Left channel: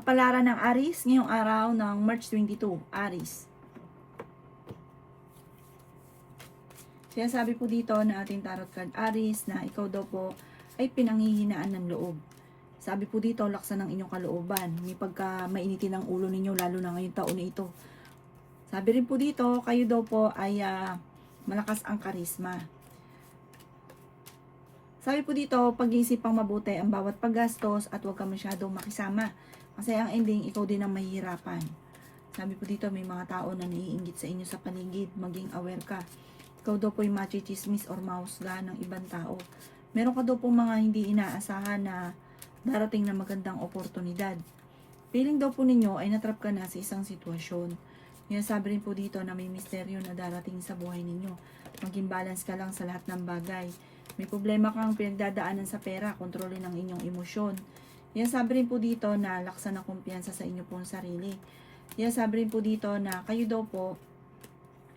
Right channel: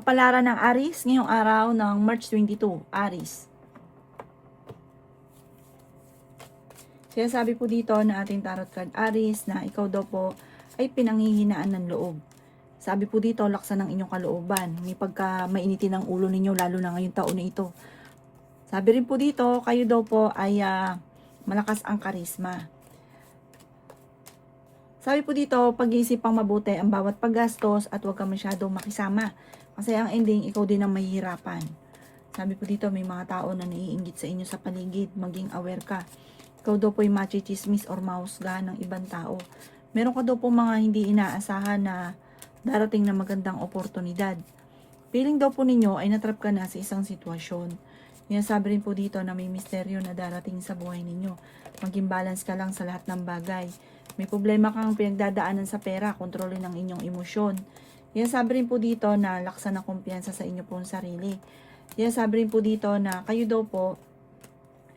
Kapalaran ng Aries ngayong araw ng March 22, Aries. Sinasabi po dito na ating tarot card Aries na ikaw daw po ay pinanghihinaan ng loob. Sabi po dito, laksan ng inyong kalooban. May pagka mainitin ang ulo ninyo lalo na ngayong taon na ito. Sabi rin po dito, kayo daw po ay malakas ang karisma. Sabi po dito, pag-iisipang mabuti ang bawat paggastos at huwag ka masyadong makisama. Kasi ang ending, ikaw din ang mahihirapan. Sabi po dito, may mga tao na naiinggit sa inyo sa paligid. Maging aware ka. Ikaw daw po ay machichismis or mahusga ng ibang tao. Meron ka daw po mga hindi inaasahan na darating na magandang oportunidad. Feeling daw po ninyo ay natrap ka na sa isang sitwasyon. Yan, sabi rin po dito na may misteryo na darating sa buhay ninyo. Maging balance ka lang sa lahat ng bagay. May problema kang pinagdadaanan sa pera, kontrolin ang inyong emosyon. Yan, sabi rin po dito na laksan ng kumpiyansa sa inyo pong sarili. Yan, sabi rin po dito na kayo daw po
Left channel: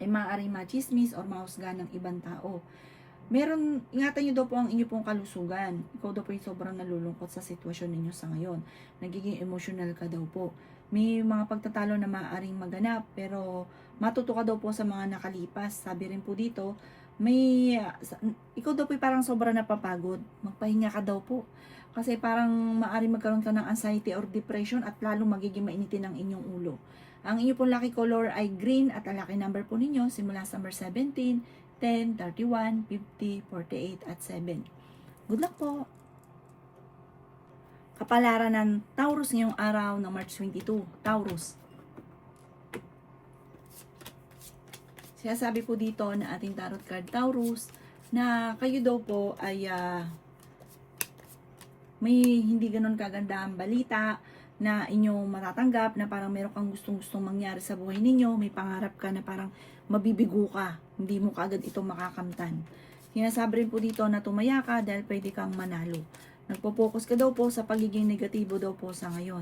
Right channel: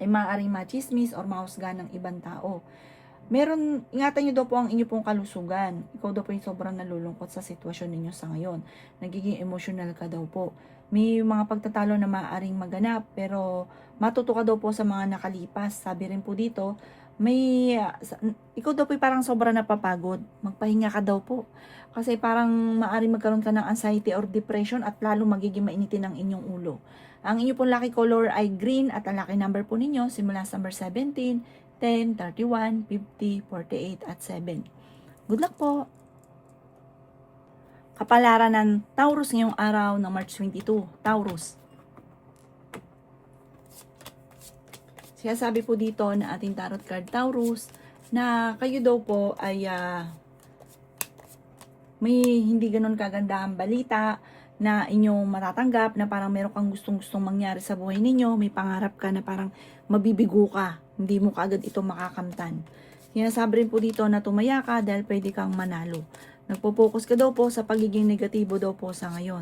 ay maaaring machismis or mahusga ng ibang tao. Ingatan nyo daw po ang inyo pong kalusugan. Ikaw daw po yung sobrang nalulungkot sa sitwasyon ninyo sa ngayon. Nagiging emotional ka daw po. May mga pagtatalo na maaaring maganap, pero matuto ka daw po sa mga nakalipas. Sabi rin po dito, ikaw daw po parang sobrang napapagod. Magpahinga ka daw po. Kasi parang maaaring magkaroon ka ng anxiety or depression at lalo magiging mainitin ang inyong ulo. Ang inyo pong lucky color ay green at ang lucky number po ninyo simula sa number 17, 10, 31, 50, 48 at 7. Good luck po! Kapalaran ng Taurus ngayong araw ng March 22. Taurus. Sinasabi po dito na ating tarot card Taurus na kayo daw po ay may hindi ganun kagandahang balita na inyong matatanggap na parang meron kang gustong-gustong mangyari sa buhay ninyo, may pangarap ka na parang mabibigo ka, hindi mo kaagad ito makakamtan. Sinasabi rin po dito na tumaya ka dahil pwede kang manalo. Nagpo-focus ka daw po sa pagiging negatibo daw po sa ngayon.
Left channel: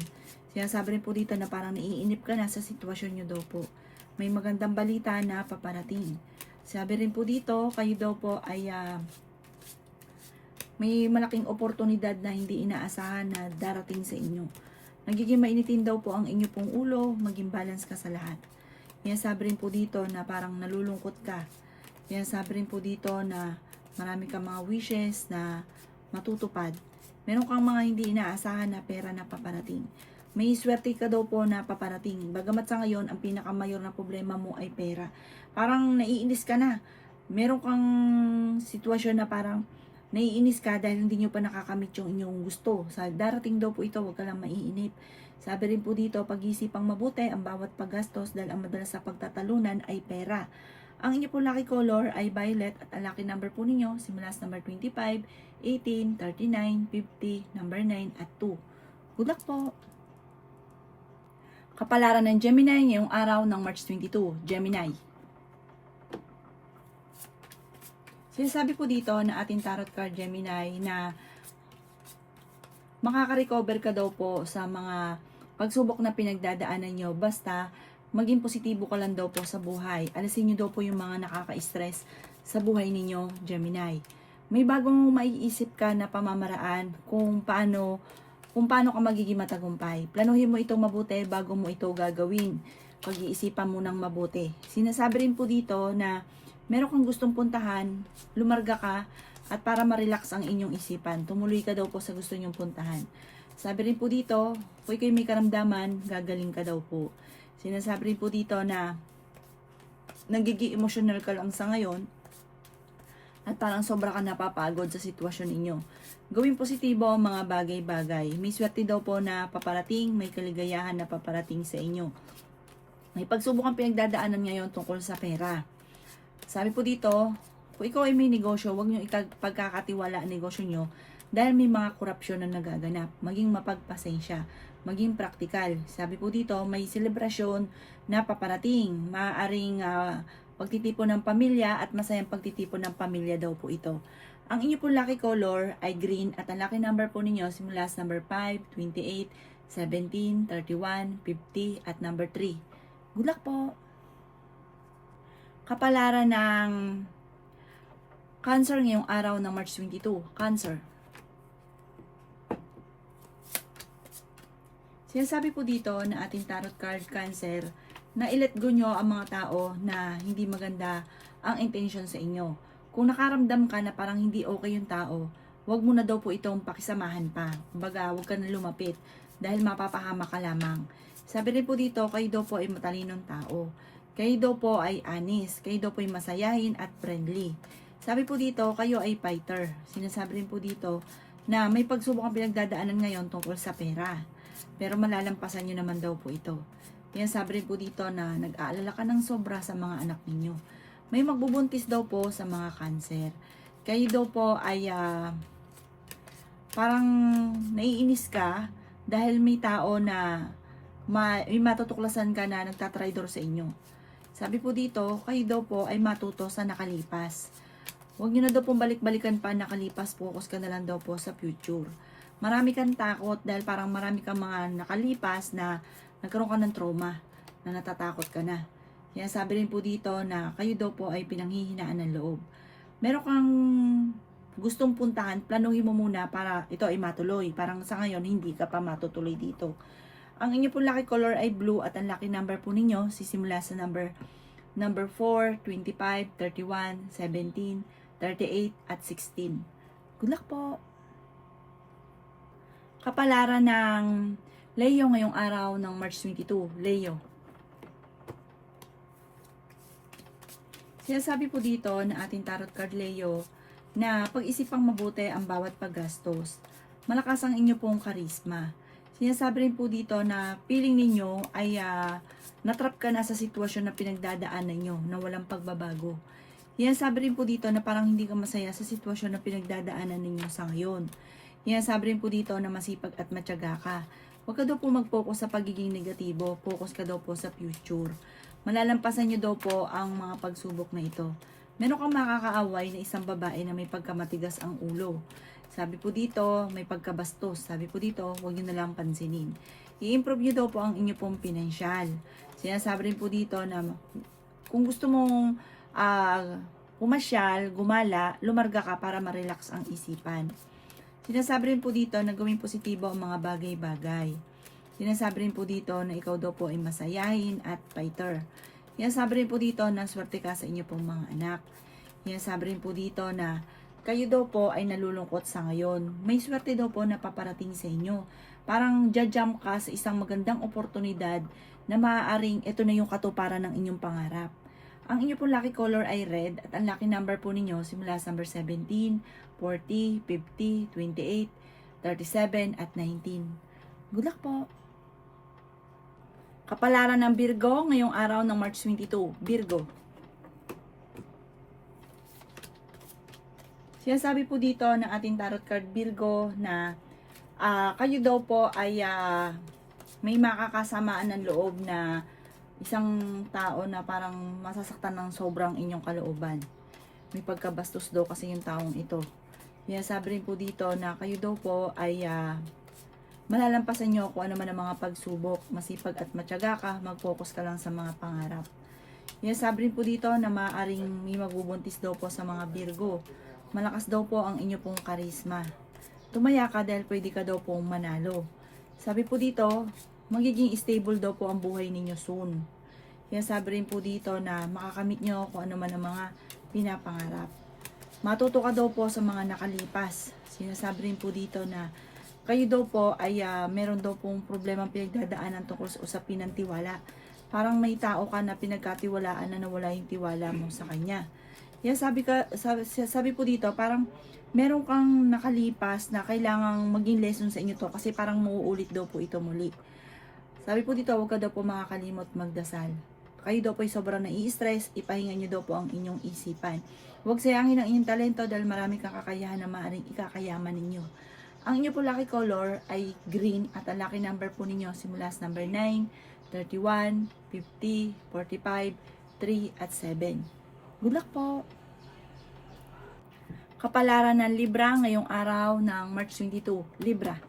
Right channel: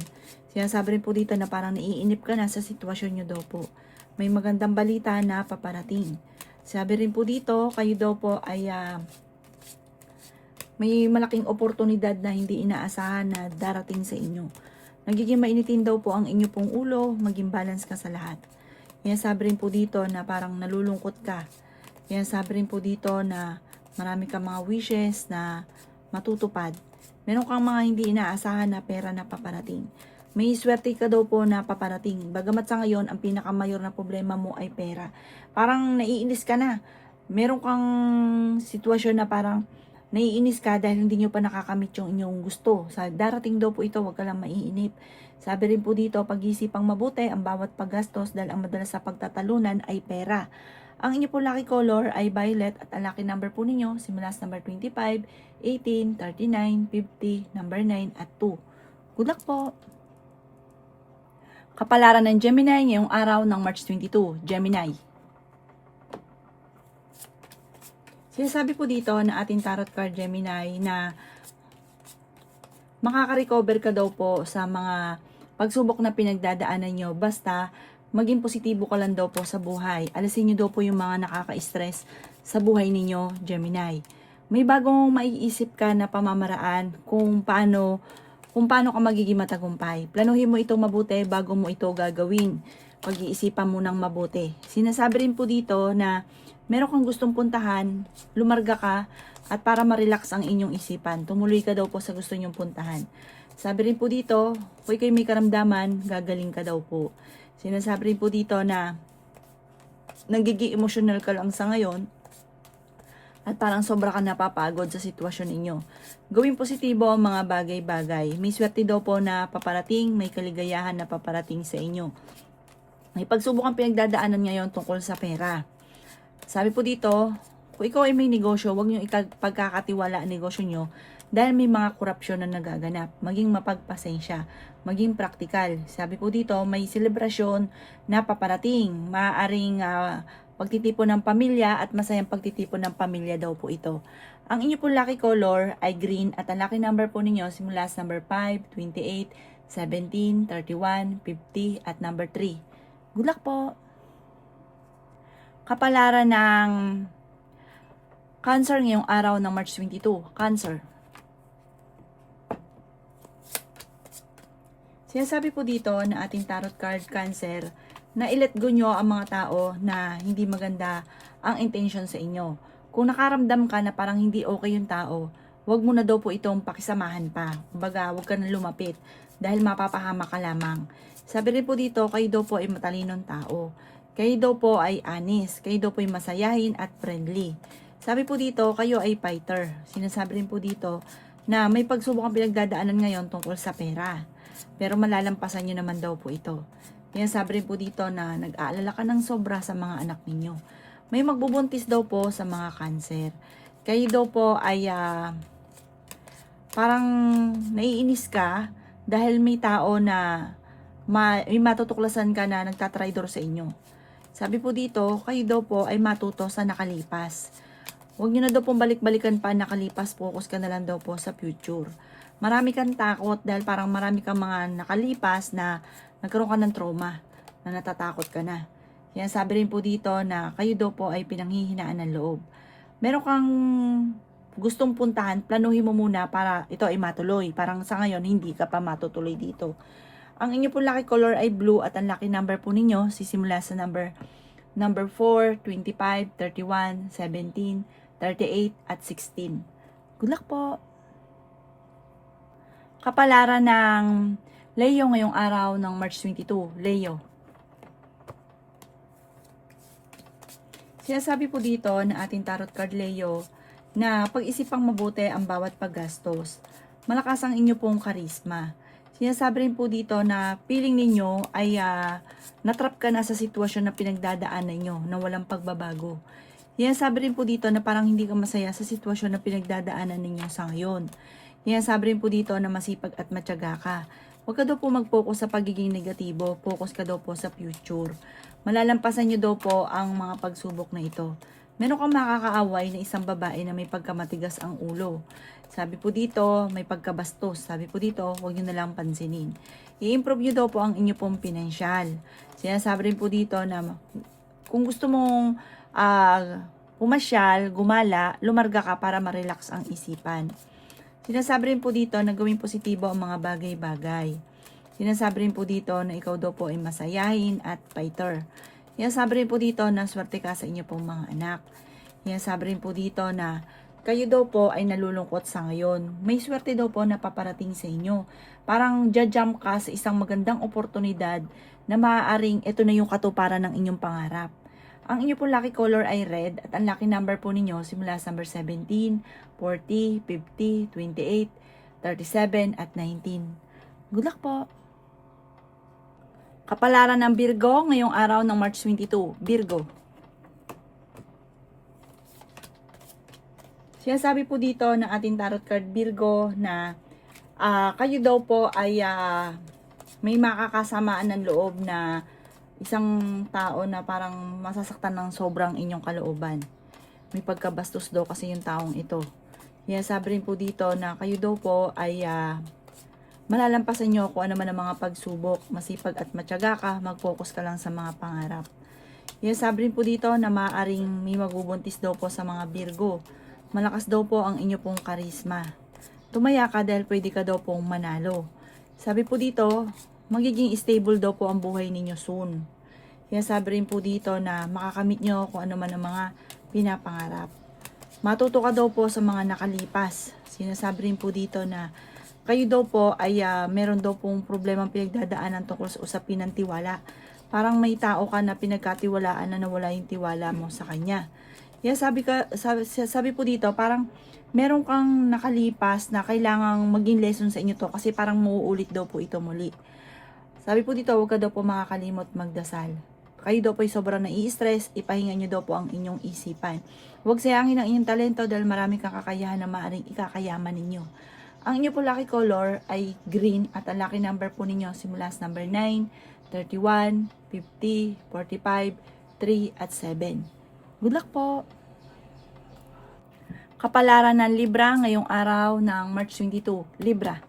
Sinasabi rin po dito na parang naiinip ka na sa sitwasyon nyo daw po. May magandang balita na paparating. Sabi rin po dito, kayo daw po ay may malaking oportunidad na hindi inaasahan na darating sa inyo. Nagiging mainitin daw po ang inyo pong ulo, maging balance ka sa lahat. Yan, sabi rin po dito na parang nalulungkot ka. Yan, sabi rin po dito na marami kang mga wishes na matutupad. Meron kang mga hindi inaasahan na pera na paparating. May swerte ka daw po na paparating. Bagamat sa ngayon, ang pinakamayor na problema mo ay pera. Parang naiinis ka na. Meron kang sitwasyon na parang naiinis ka dahil hindi nyo pa nakakamit yung inyong gusto. Sa darating daw po ito, huwag ka lang maiinip. Sabi rin po dito, pag-isipang mabuti ang bawat paggastos dahil ang madalas sa pagtatalunan ay pera. Ang inyo po lucky color ay violet at ang lucky number po ninyo simula sa number 25, 18, 39, 50, number 9 at 2. Good luck po! Kapalaran ng Gemini ngayong araw ng March 22, Gemini. Sinasabi po dito na ating tarot card Gemini na makaka-recover ka daw po sa mga pagsubok na pinagdadaanan nyo. Basta maging positibo ka lang daw po sa buhay. Alisin nyo daw po yung mga nakaka-stress sa buhay ninyo, Gemini. May bagong maiisip ka na pamamaraan kung paano ka magiging matagumpay. Planuhin mo ito mabuti bago mo ito gagawin. Pag-iisipan mo ng mabuti. Sinasabi rin po dito na meron kang gustong puntahan, lumarga ka, at para ma-relax ang inyong isipan. Tumuloy ka daw po sa gusto nyong puntahan. Sabi rin po dito, kung kayo may karamdaman, gagaling ka daw po. Sinasabi rin po dito na nagiging emotional ka lang sa ngayon at parang sobra ka napapagod sa sitwasyon ninyo. Gawing positibo ang mga bagay-bagay. May swerte daw po na paparating, may kaligayahan na paparating sa inyo. May pagsubok ang pinagdadaanan ngayon tungkol sa pera. Sabi po dito, kung ikaw ay may negosyo, huwag nyo pagkakatiwala ang negosyo nyo dahil may mga korupsyon na nagaganap. Maging mapagpasensya, maging praktikal. Sabi po dito, may selebrasyon na paparating. Maaaring pagtitipon ng pamilya at masayang pagtitipon ng pamilya daw po ito. Ang inyo po lucky color ay green at ang lucky number po ninyo simula sa number 5, 28, 17, 31, 50 at number 3. Good luck po! Kapalaran ng Cancer ngayong araw ng March 22. Cancer. Sinasabi po dito na ating tarot card Cancer na i-let go nyo ang mga tao na hindi maganda ang intention sa inyo. Kung nakaramdam ka na parang hindi okay yung tao, huwag mo na daw po itong pakisamahan pa. Kumbaga, huwag ka na lumapit dahil mapapahama ka lamang. Sabi rin po dito, kayo daw po ay matalinong tao. Kayo daw po ay honest. Kayo daw po ay masayahin at friendly. Sabi po dito, kayo ay fighter. Sinasabi rin po dito na may pagsubok ang pinagdadaanan ngayon tungkol sa pera. Pero malalampasan nyo naman daw po ito. Kaya sabi rin po dito na nag-aalala ka ng sobra sa mga anak ninyo. May magbubuntis daw po sa mga Cancer. Kayo daw po ay parang naiinis ka dahil may tao na may matutuklasan ka na nagtatraidor sa inyo. Sabi po dito, kayo daw po ay matuto sa nakalipas. Huwag nyo na daw pong balik-balikan pa nakalipas, focus ka na lang daw po sa future. Marami kang takot dahil parang marami kang mga nakalipas na nagkaroon ka ng trauma, na natatakot ka na. Yan, sabi rin po dito na kayo daw po ay pinanghihinaan ng loob. Meron kang gustong puntahan, planuhin mo muna para ito ay matuloy. Parang sa ngayon, hindi ka pa matutuloy dito. Ang inyo po lucky color ay blue at ang lucky number po ninyo sisimula sa number 4, 25, 31, 17, 38, at 16. Good luck po! Kapalaran ng Leo ngayong araw ng March 22. Leo. Sinasabi po dito na ating tarot card Leo na pag-isipang mabuti ang bawat paggastos. Malakas ang inyo pong karisma. Sinasabi rin po dito na feeling ninyo ay natrap ka na sa sitwasyon na pinagdadaanan nyo na walang pagbabago. Sinasabi rin po dito na parang hindi ka masaya sa sitwasyon na pinagdadaanan ninyo sa ngayon. Sinasabi rin po dito na masipag at matyaga ka. Huwag ka daw po mag-focus sa pagiging negatibo. Focus ka daw po sa future. Malalampasan nyo daw po ang mga pagsubok na ito. Meron kang makakaaway na isang babae na may pagkamatigas ang ulo. Sabi po dito, may pagkabastos. Sabi po dito, huwag nyo na lang pansinin. I-improve nyo daw po ang inyo pong pinansyal. Sinasabi rin po dito na kung gusto mong pumasyal, gumala, lumarga ka para ma-relax ang isipan. Sinasabi rin po dito na gawing positibo ang mga bagay-bagay. Sinasabi rin po dito na ikaw daw po ay masayahin at fighter. Sinasabi rin po dito na swerte ka sa inyo pong mga anak. Sinasabi rin po dito na kayo daw po ay nalulungkot sa ngayon. May swerte daw po na paparating sa inyo. Parang jump ka sa isang magandang oportunidad na maaaring ito na yung katuparan ng inyong pangarap. Ang inyo pong lucky color ay red at ang lucky number po ninyo simula sa number 17, 40, 50, 28, 37, at 19. Good luck po! Kapalaran ng Virgo ngayong araw ng March 22. Virgo. Sinasabi po dito ng ating tarot card Virgo na kayo daw po ay may makakasamaan ng loob na isang tao na parang masasaktan ng sobrang inyong kalooban. May pagkabastos daw kasi yung taong ito. Sabi rin po dito na kayo daw po ay malalampasan nyo kung ano man ang mga pagsubok. Masipag at matyaga ka, mag-focus ka lang sa mga pangarap. Sabi rin po dito na maaaring may magbubuntis daw po sa mga Virgo. Malakas daw po ang inyo pong karisma. Tumaya ka dahil pwede ka daw pong manalo. Sabi po dito, magiging stable daw po ang buhay ninyo soon. Sabi rin po dito na makakamit nyo kung ano man ang mga pinapangarap. Matuto ka daw po sa mga nakalipas. Sinasabi rin po dito na kayo daw po ay meron daw pong problemang pinagdadaanan tungkol sa usapin ng tiwala. Parang may tao ka na pinagkatiwalaan na nawala yung tiwala mo sa kanya. Sabi po dito, parang meron kang nakalipas na kailangang maging lesson sa inyo to kasi parang mauulit daw po ito muli. Sabi po dito, huwag ka daw po makakalimot magdasal. Kayo daw po ay sobrang nai-stress, ipahinga nyo daw po ang inyong isipan. Huwag sayangin ang inyong talento dahil marami kang kakayahan na maaaring ikakayaman ninyo. Ang inyo po lucky color ay green at ang lucky number po ninyo simula sa number 9, 31, 50, 45, 3, at 7. Good luck po! Kapalaran ng Libra ngayong araw ng March 22. Libra.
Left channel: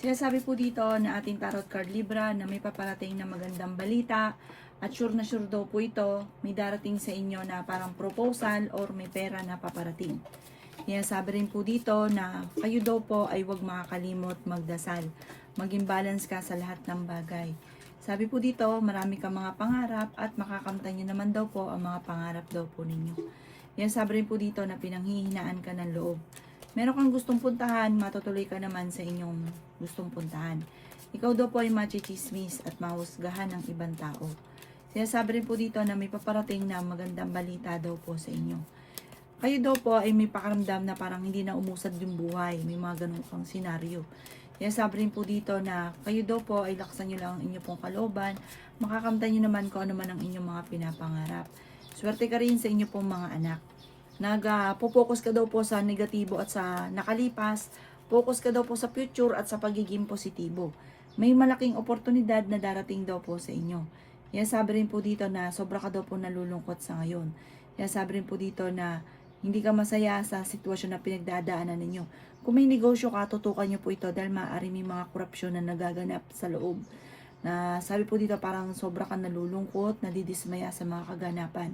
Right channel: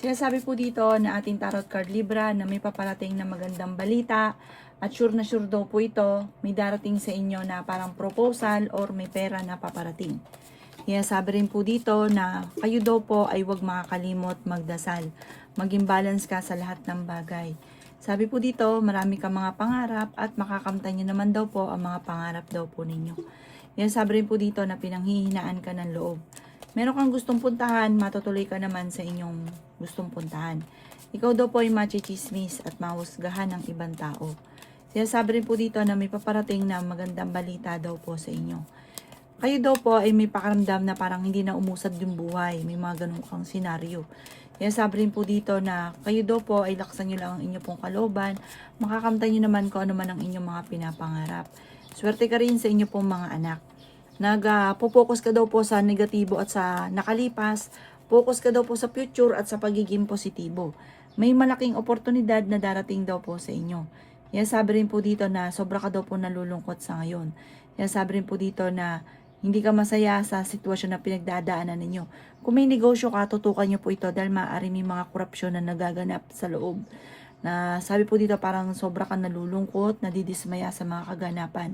Sinasabi po dito na ating tarot card Libra na may paparating na magandang balita at sure na sure daw po ito, may darating sa inyo na parang proposal or may pera na paparating. Kaya sabi rin po dito na kayo daw po ay huwag makakalimot magdasal. Maging balance ka sa lahat ng bagay. Sabi po dito, marami kang mga pangarap at makakamtan nyo naman daw po ang mga pangarap daw po ninyo. Kaya sabi rin po dito na pinanghihinaan ka ng loob. Meron kang gustong puntahan, matutuloy ka naman sa inyong gustong puntahan. Ikaw daw po ay machichismis at mahusgahan ng ibang tao. Sinasabi rin po dito na may paparating na magandang balita daw po sa inyo. Kayo daw po ay may pakaramdam na parang hindi na umusad yung buhay. May mga ganun kang senaryo. Kaya sabi rin po dito na kayo daw po ay laksan nyo lang ang inyong pong kalooban. Makakamtan nyo naman kung ano man ang inyong mga pinapangarap. Swerte ka rin sa inyo pong mga anak. Nagpo-focus ka daw po sa negatibo at sa nakalipas. Focus ka daw po sa future at sa pagiging positibo. May malaking oportunidad na darating daw po sa inyo. Kaya sabi rin po dito na sobra ka daw po nalulungkot sa ngayon. Kaya sabi rin po dito na hindi ka masaya sa sitwasyon na pinagdadaanan ninyo. Kung may negosyo ka, tutukan nyo po ito dahil maaari may mga korupsyon na nagaganap sa loob. Na sabi po dito parang sobra ka nalulungkot, nadidismaya sa mga kaganapan.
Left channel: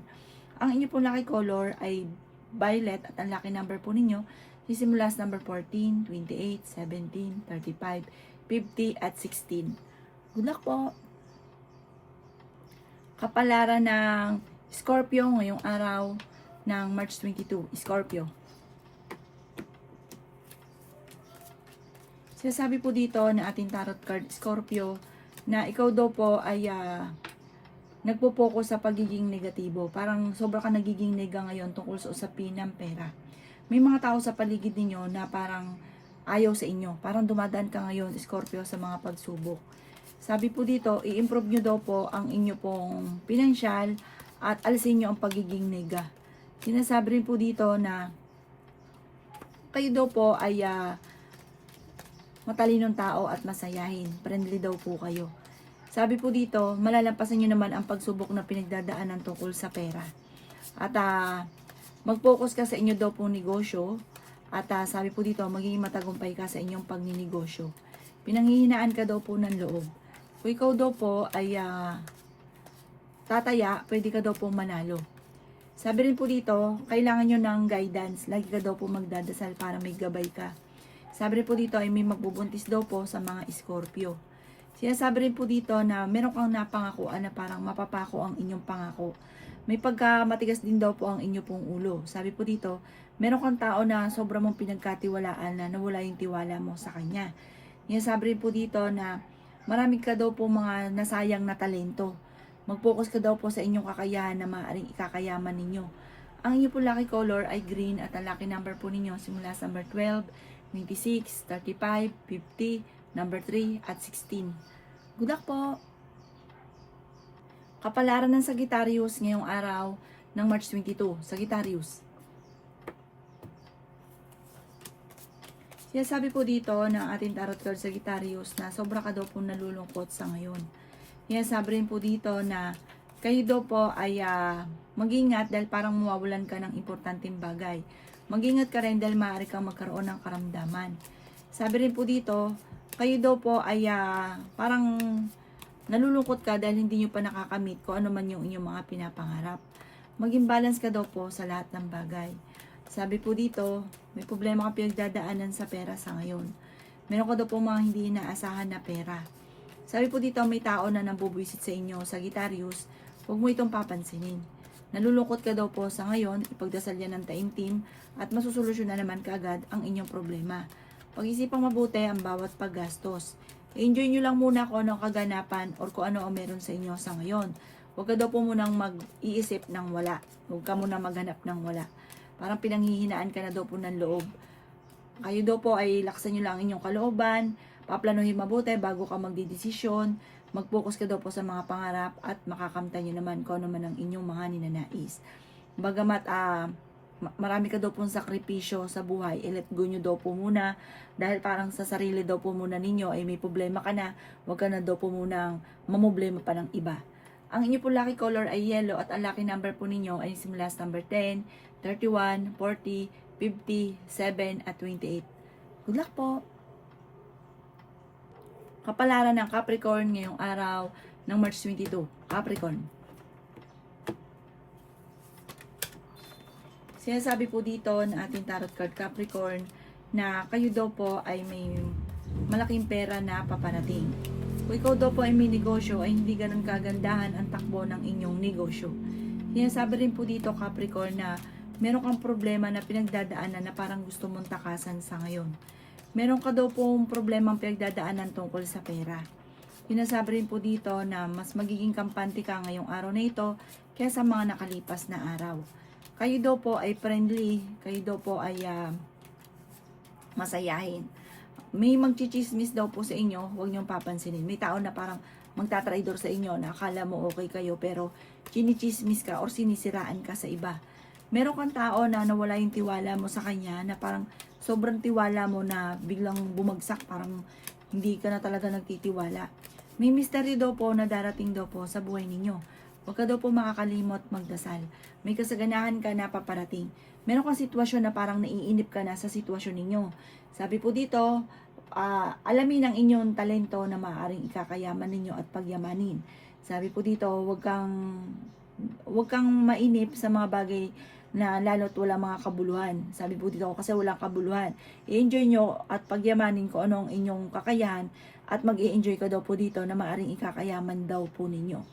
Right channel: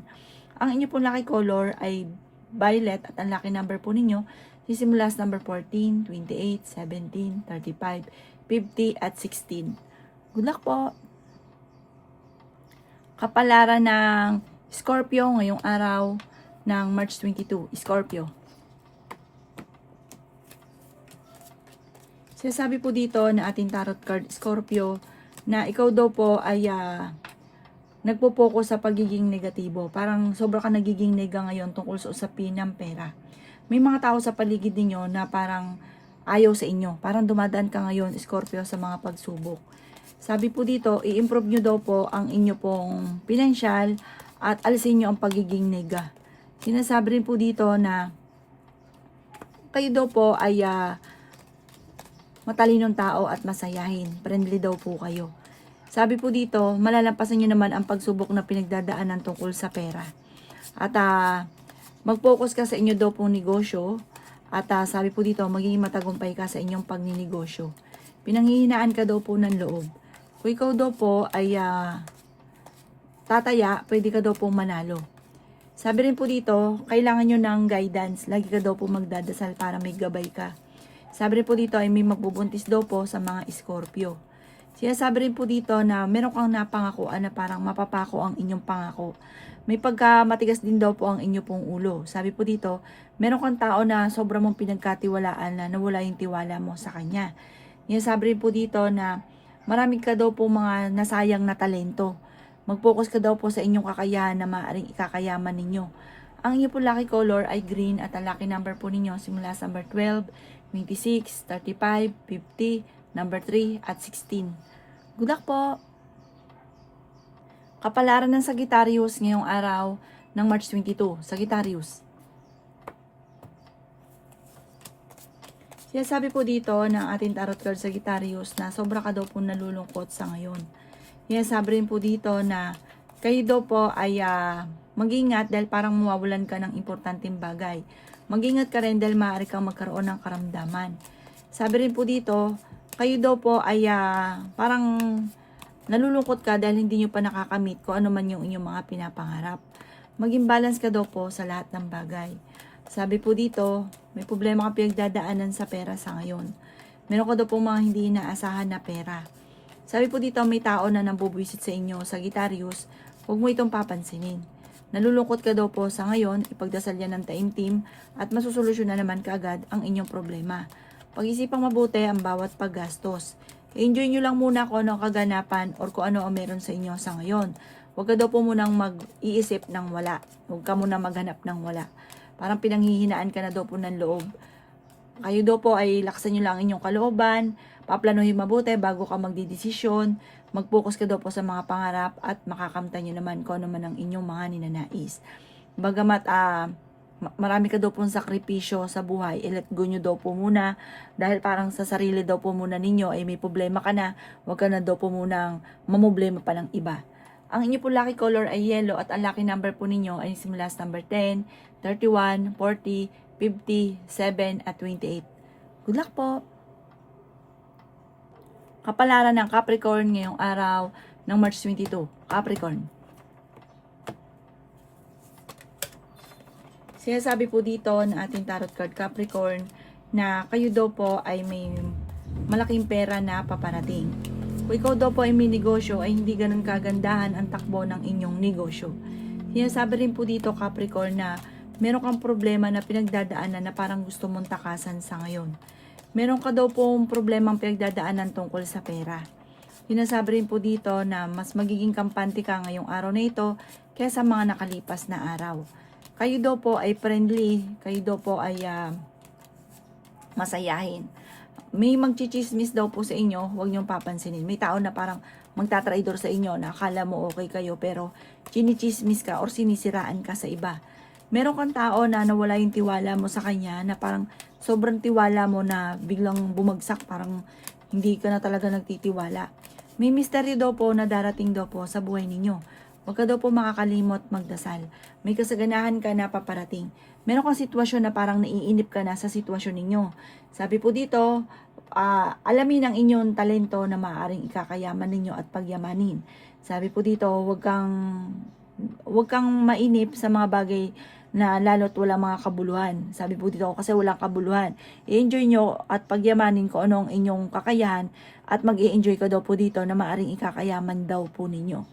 Ang inyo pong lucky color ay violet at ang lucky number po ninyo sisimula sa number 14, 28, 17, 35, 50 at 16. Good luck po! Kapalaran ng Scorpio ngayong araw ng March 22, Scorpio. Sinasabi po dito na ating tarot card, Scorpio, na ikaw daw po ay nagpo-focus sa pagiging negatibo. Parang sobra ka nagiging nega ngayon tungkol sa usapin ng pera. May mga tao sa paligid ninyo na parang ayaw sa inyo. Parang dumadaan ka ngayon, Scorpio, sa mga pagsubok. Sabi po dito, i-improve nyo daw po ang inyo pong financial at alisin nyo ang pagiging nega. Sinasabi rin po dito na kayo daw po ay matalinong tao at masayahin. Friendly daw po kayo. Sabi po dito, malalampasan nyo naman ang pagsubok na pinagdadaanan tungkol sa pera. At mag-focus ka sa inyo daw pong negosyo. At sabi po dito, magiging matagumpay ka sa inyong pagninegosyo. Pinanghihinaan ka daw po ng loob. Kung ikaw daw po ay tataya, pwede ka daw po manalo. Sabi rin po dito, kailangan nyo ng guidance. Lagi ka daw po magdadasal para may gabay ka. Sabi rin po dito ay may magbubuntis daw po sa mga Scorpio. Sinasabi rin po dito na meron kang napangakuan na parang mapapako ang inyong pangako. May pagkamatigas din daw po ang inyo pong ulo. Sabi po dito, meron kang tao na sobrang mong pinagkatiwalaan na nawala yung tiwala mo sa kanya. Sinasabi rin po dito na marami ka daw po mga nasayang na talento. Mag-focus ka daw po sa inyong kakayahan na maaaring ikakayaman ninyo. Ang inyong po lucky color ay green at ang lucky number po ninyo simula sa number 12, 26, 35, 50, number 3 at 16. Good luck po! Kapalaran ng Sagittarius ngayong araw ng March 22. Sagittarius. Sinasabi po dito ng ating tarot card Sagittarius na sobra ka daw po nalulungkot sa ngayon. Sinasabi rin po dito na kayo daw po ay mag-ingat dahil parang mawawalan ka ng importanteng bagay. Mag-ingat ka rin dahil maaari kang magkaroon ng karamdaman. Sabi rin po dito, kayo daw po ay parang nalulungkot ka dahil hindi nyo pa nakakamit kung ano man yung inyong mga pinapangarap. Maging balance ka daw po sa lahat ng bagay. Sabi po dito, may problema ka pinagdadaanan sa pera sa ngayon. Meron ka daw po mga hindi inaasahan na pera. Sabi po dito, may tao na nambubwisit sa inyo, Sagittarius, huwag mo itong papansinin. Nalulungkot ka daw po sa ngayon, ipagdasal yan ng taimtim at masusolusyon na naman kaagad ang inyong problema. Pag-isipang mabuti ang bawat paggastos. Enjoy nyo lang muna kung ano ang kaganapan or kung ano ang meron sa inyo sa ngayon. Huwag ka daw po munang mag-iisip ng wala. Huwag ka munang maghanap ng wala. Parang pinanghihinaan ka na daw po ng loob. Kayo daw po ay laksan nyo lang inyong kalooban, paplanuhin mabuti bago ka magdidesisyon, mag-focus ka daw po sa mga pangarap at makakamtan nyo naman kung ano man ang inyong mga ninanais. Bagamat marami ka daw pong sakripisyo sa buhay, let go nyo daw po muna dahil parang sa sarili daw po muna ninyo ay may problema ka na, huwag ka na daw po munang mamoblema pa ng iba. Ang inyo po lucky color ay yellow at ang lucky number po ninyo ay simula sa number 10, 31, 40, 50, 7 at 28. Good luck po! Kapalaran ng Capricorn ngayong araw ng March 22. Capricorn. Sinasabi po dito ng ating tarot card Capricorn na kayo daw po ay may malaking pera na paparating. Kung ikaw daw po ay may negosyo, ay hindi ganun kagandahan ang takbo ng inyong negosyo. Sinasabi rin po dito Capricorn na meron kang problema na pinagdadaanan na parang gusto mong takasan sa ngayon. Meron ka daw pong problemang pinagdadaanan tungkol sa pera. Sinasabi rin po dito na mas magiging kampante ka ngayong araw na ito kaysa mga nakalipas na araw. Kayo daw po ay friendly, kayo daw po ay masayahin. May magchichismis daw po sa inyo, huwag niyong papansinin. May tao na parang magtatraidor sa inyo na akala mo okay kayo pero chinichismis ka or sinisiraan ka sa iba. Meron kang tao na nawala yung tiwala mo sa kanya na parang sobrang tiwala mo na biglang bumagsak, parang hindi ka na talaga nagtitiwala. May misteryo daw po na darating daw po sa buhay ninyo. Huwag ka daw po makakalimot magdasal. May kasaganahan ka na paparating. Meron kang sitwasyon na parang naiinip ka na sa sitwasyon ninyo. Sabi po dito, alamin ang inyong talento na maaaring ikakayaman ninyo at pagyamanin. Sabi po dito, huwag kang mainip sa mga bagay na lalo't wala mga kabuluhan. Sabi po dito, kasi walang kabuluhan. I-enjoy nyo at pagyamanin ko anong inyong kakayahan at mag-i-enjoy ka daw po dito na maaaring ikakayaman daw po ninyo.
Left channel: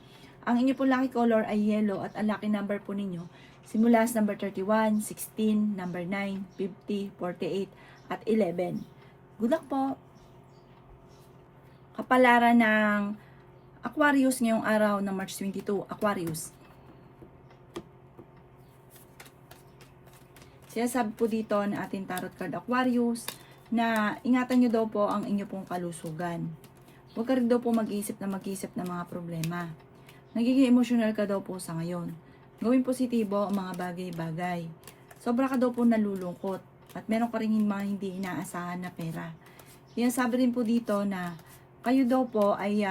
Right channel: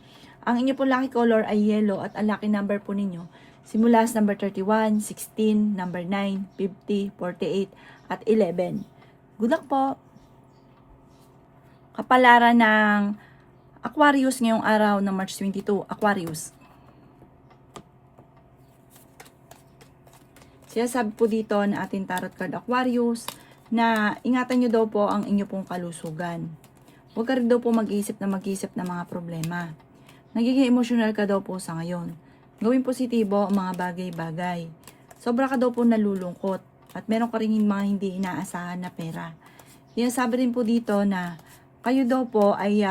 Ang inyo po lucky color ay yellow at ang lucky number po ninyo simula sa number 31, 16, number 9, 50, 48 at 11. Good luck po! Kapalaran ng Aquarius ngayong araw ng March 22, Aquarius. Sinasabi po dito na ating tarot card Aquarius na ingatan nyo daw po ang inyo pong kalusugan. Huwag ka rin daw po mag-iisip ng mga problema. Nagiging emosyonal ka daw po sa ngayon. Gawin positibo ang mga bagay-bagay. Sobra ka daw po nalulungkot at meron ka rin mga hindi inaasahan na pera. Sinasabi rin po dito na kayo daw po ay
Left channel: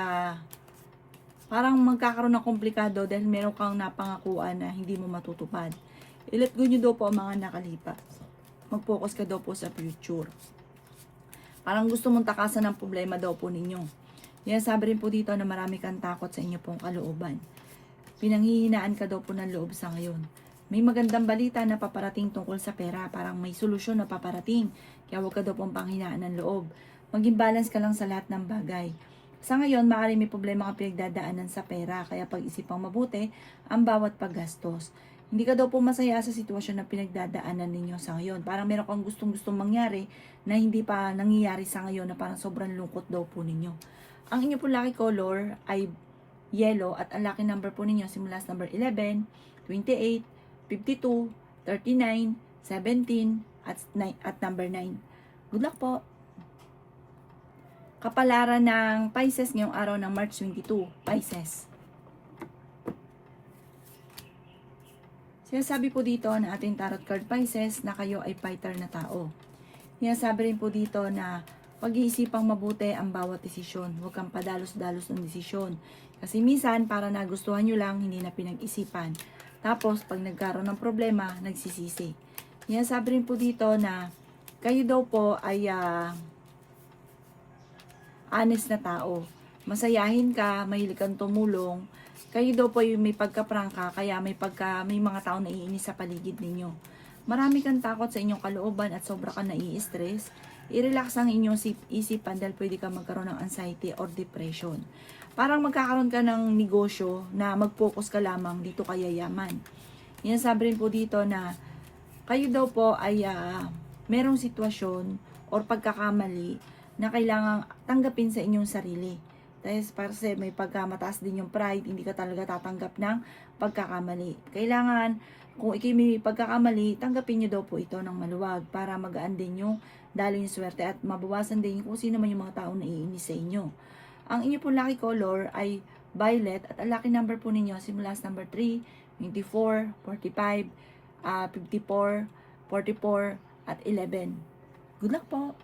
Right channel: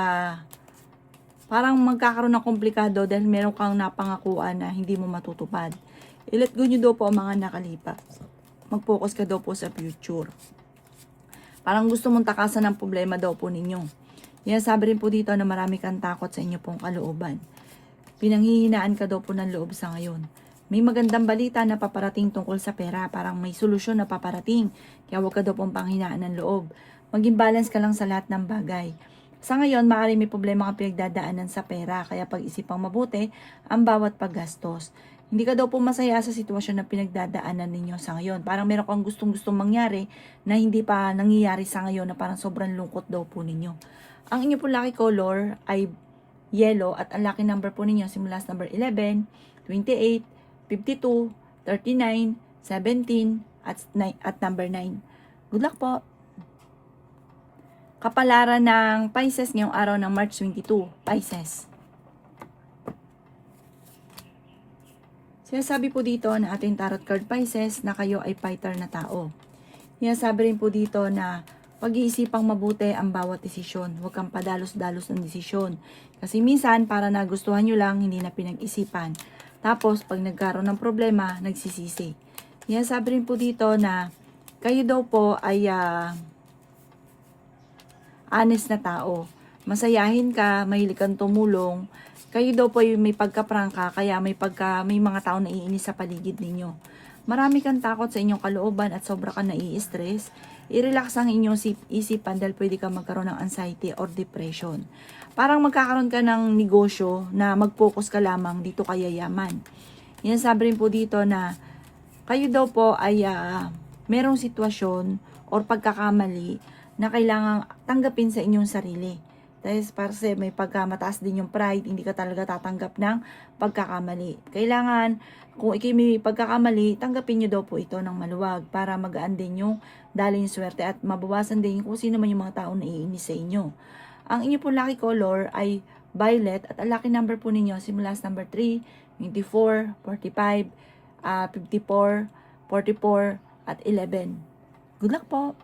parang magkakaroon ng komplikado dahil meron kang napangakuan na hindi mo matutupad. I-let go nyo daw po ang mga nakalipas. Mag-focus ka daw po sa future. Parang gusto mong takasan ng problema daw po ninyo. Yan, sabi rin po dito na marami kang takot sa inyo pong kalooban. Pinanghihinaan ka daw po ng loob sa ngayon. May magandang balita na paparating tungkol sa pera. Parang may solusyon na paparating. Kaya huwag ka daw pong panghinaan ng loob. Maging balance ka lang sa lahat ng bagay. Sa ngayon, maaaring may problema kang pinagdadaanan sa pera. Kaya pag-isipang mabuti ang bawat paggastos. Hindi ka daw po masaya sa sitwasyon na pinagdadaanan ninyo sa ngayon. Parang meron kang gustong-gustong mangyari na hindi pa nangyayari sa ngayon na parang sobrang lungkot daw po ninyo. Ang inyo po lucky color ay yellow at ang lucky number po ninyo simula sa number 11, 28, 52, 39, 17 at number 9. Good luck po! Kapalaran ng Pisces ngayong araw ng March 22, Pisces. Sinasabi po dito na ating tarot card Pisces na kayo ay fighter na tao. Sinasabi rin po dito na pag-iisipang mabuti ang bawat desisyon. Huwag kang padalos-dalos ng desisyon. Kasi minsan, para nagustuhan nyo lang, hindi na pinag-isipan. Tapos, pag nagkaroon ng problema, nagsisisi. Sinasabi rin po dito na kayo daw po ay honest na tao. Masayahin ka, mahilig kang tumulong. Kayo daw po ay may pagkaprangka, kaya may mga tao na iinis sa paligid ninyo. Marami kang takot sa inyong kalooban at sobra ka nai-stress. I-relax ang inyong isipan dahil pwede ka magkaroon ng anxiety or depression. Parang magkakaroon ka ng negosyo na mag-focus ka lamang dito kaya yaman. Yan, sabi rin po dito na kayo daw po ay merong sitwasyon or pagkakamali na kailangang tanggapin sa inyong sarili. Dahil kasi may pagkamataas din yung pride, hindi ka talaga tatanggap ng pagkakamali. Kailangan, kung ikay may pagkakamali, tanggapin nyo daw po ito ng maluwag para magaan din yung daling swerte at mabawasan din kung sino man yung mga taong naiinis sa inyo. Ang inyo po lucky color ay violet at ang lucky number po ninyo simula sa number 3, 24, 45, 54, 44 at 11. Good luck po!